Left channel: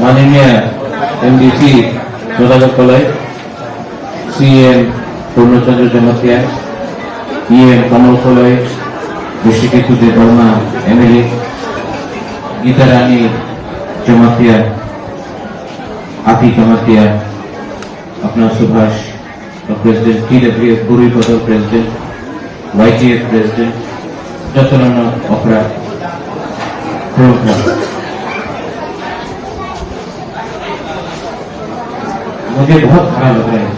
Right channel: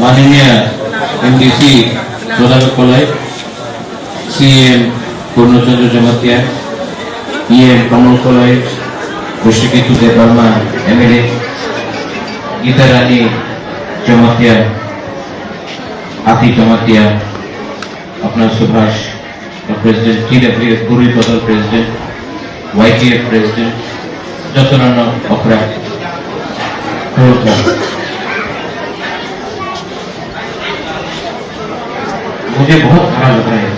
माननीय एमडीसी सौदागर college, CM पूर्णचंद्र Jamatia, EM कमल college, ऋषिकेतु Debbarma MLA, Gita रानी जमातिया, आती जमातिया, अपना सुभाष प्रेसिडेंट, टीडब्ल्यूएफ बुरी बदल प्रेसिडेंट, वाईटीएफ प्रेसिडेंट, जतन अखड़ा मुझे बहुत खराब लग रहा है।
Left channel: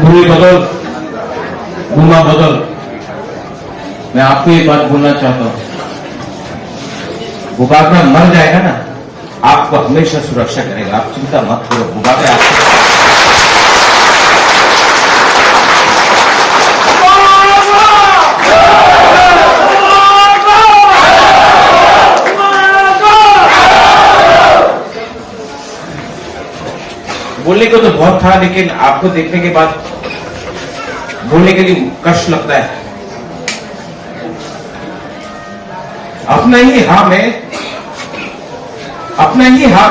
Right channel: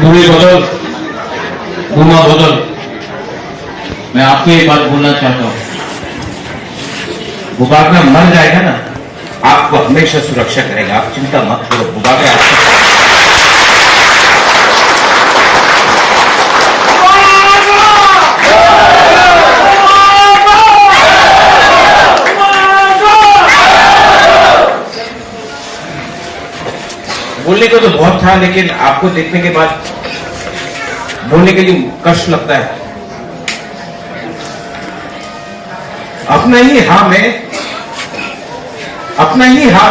बुरी बदल, बुमा बदल, मैं आपको ये बात बोलना चाहता हूं, बुबागरा मर जाएगा ना, आपको हमेशा सुरक्षा करेगा, आप चिंता मत करो। बुबागरा बोलने को तो बहुत था, लेकिन आपको देखने के बाद बोलने के लिए कष्ट लगता है। अपना ही हाँ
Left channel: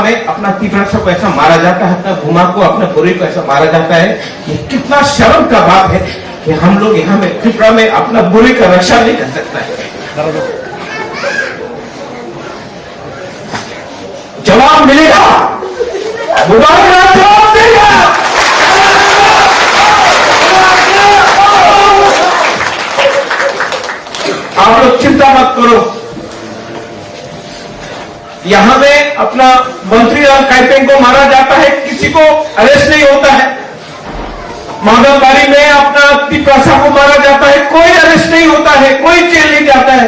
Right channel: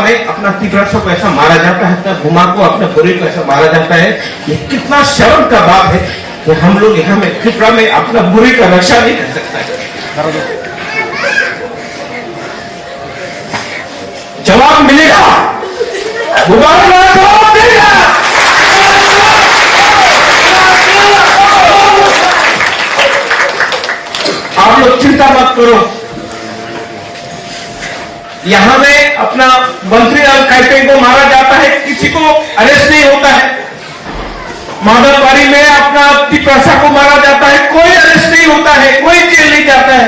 में अपना तीव्रता को ऐसा मारा जाता है, अपना घुमा को, अपने बुरे को ऐसा मारा जाता है। ये कितना शर्म का बात है कि हम लोग यहाँ में त्रिपुरा में अपना बुरे का रक्षा नहीं कर सकता है। जवाब मिलेगा, बुबागरा जवाब देगा। आप लोग चिंता मत करो, यहां में अपना मंत्री काइपेंग को मारा जाता है, किसी को अरेस्ट नहीं होता है। माधवबाड़ी में अपना तिप्रसा को मारा जाता है, कोई अरेस्ट नहीं होता है, कोई जेल नहीं जाता है।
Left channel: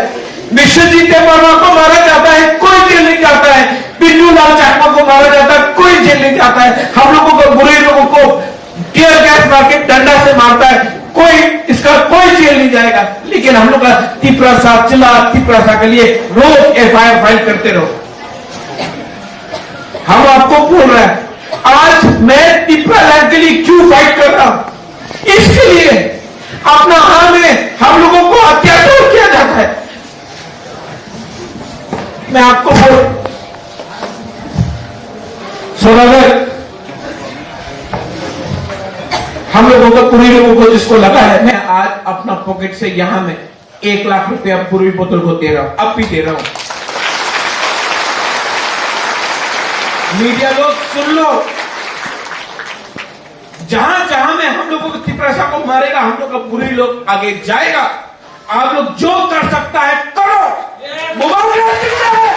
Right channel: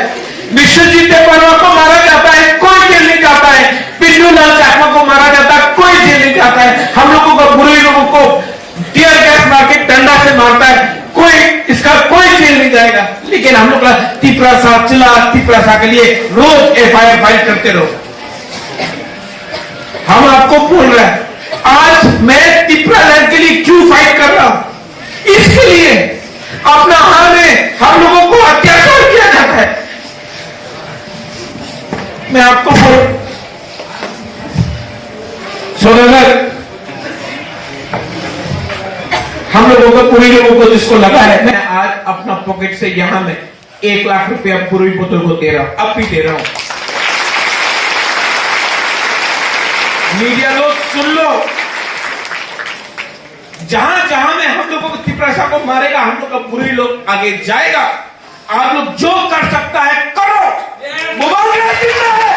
विश्वजीत देववर्मा को मारा जाता है, कोई जेल नहीं जाता है। पिल्लू लाल चाकमा को मारा जाता है, कोई जेल नहीं जाता है। हम लोगों को, बुरे लोगों को टीयर गैस मार के डंडा से मारता है, इसका कोई जेल नहीं जाएगा। लेकिन हम लोग का तिप्रसा के लिए रोज एफआईआर फाइल करते रहो। हम आपको बोल रहे हैं, आज मैं त्रिपुरा लैंड के लिए क्यों फाइट कर रहा हूं? इसके लिए अपना हाल में हम लोगों को अत्याचार किया जाता है। मैं आपको सौदागर हम लोगों को, पूरी लोगों को जिसको लगा है, मैं आज अपना पॉकेट से यहां में 1 लाख रुपया पूरी बोतल को दे रहा हूं, अब भी दे रहा हूं। मीडिया लोग सुन लो, जहां जहां में हम लोगों को तिप्रसा को मारेगा, हम लोग का पूरी लोग आगे जाएगा। आप लोग जो कर सकता है करो। बुबागरा जिंदा है।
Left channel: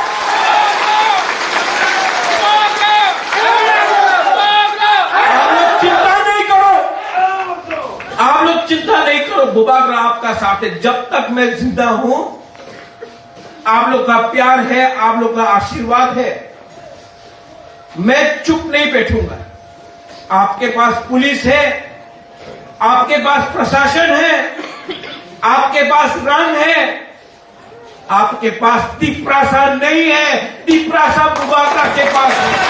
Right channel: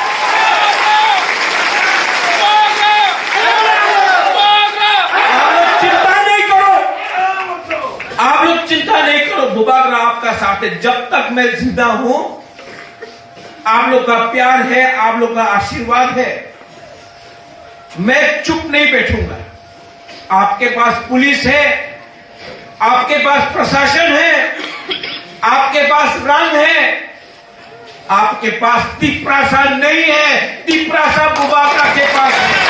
आप लोग चिंता नहीं करो, बुबागरा आपका साथ है। जब तक मैं जिंदा हूं, आप लोग का प्यार है, आप लोग का आशीर्वाद है, मैं चुप नहीं बैठूंगा। आपके पास पुलिस है, आपके पास प्रशासन है, आपके पास रंग है, आपके पास तिप्रसा नहीं है, तिप्रसा बुबागरा के पास है।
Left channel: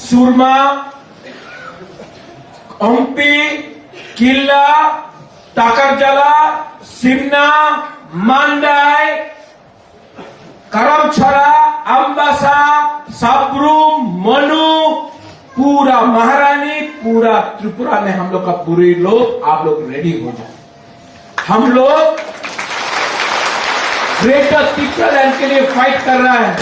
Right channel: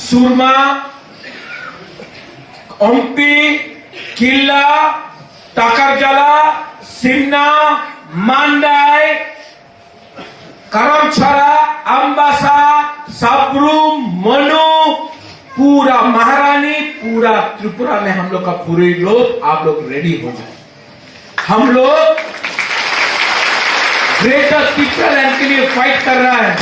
सुरमा, ओम्पी, किल्ला, टाकरजला, सिन्ना, मांडाई, करमछड़ा, अम्बासा, साबरूम, मनु, पूरा महारानी, पूरा त्रिपुरा में हम लोग का पूरे लोग, आप लोग रेडी हो जाए। हम लोग ग्रेटर त्रिपुरा लैंड के लिए फाइट कर रहा है।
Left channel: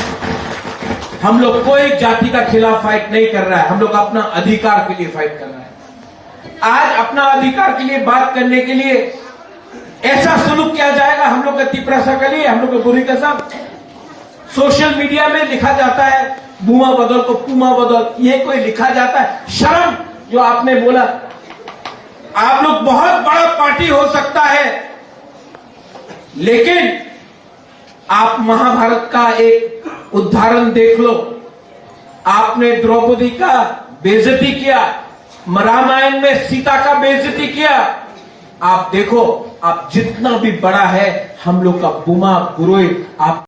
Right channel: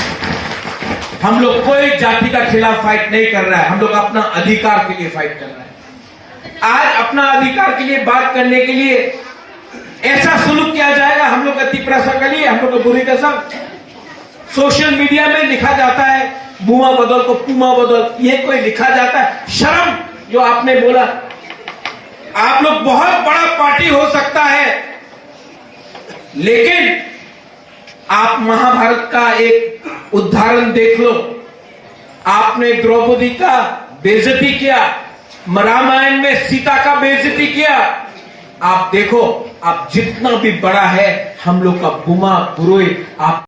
हम लोग कोई जाति का खिलाफ फाइट नहीं कर रहा है, हम लोग अपना अधिकार के लिए फाइट कर रहा है। आज अपना अधिकार के लिए बात करने के लिए ऐसा सुलूक किया जाएगा हम लोग का तिप्रसा के लिए, हम लोग का बुरी का सब सोशल मीडिया में लिखा जाता है, बुआ बदल को पुमा बदल, ये कोई लिखा जाता है। शर्म जो आपने बोला, आप लोग बहुत बड़ा पार्टी हो सकता है, लेकिन आप महाभारत का एक उदाहरण देख लो। आपने द्रौपदी का बेइज्जती किया, रामायण में सीता का बेइज्जती किया। आप देखो आप जितना भी बड़ा है हम लोग का बुमा बुरोए आप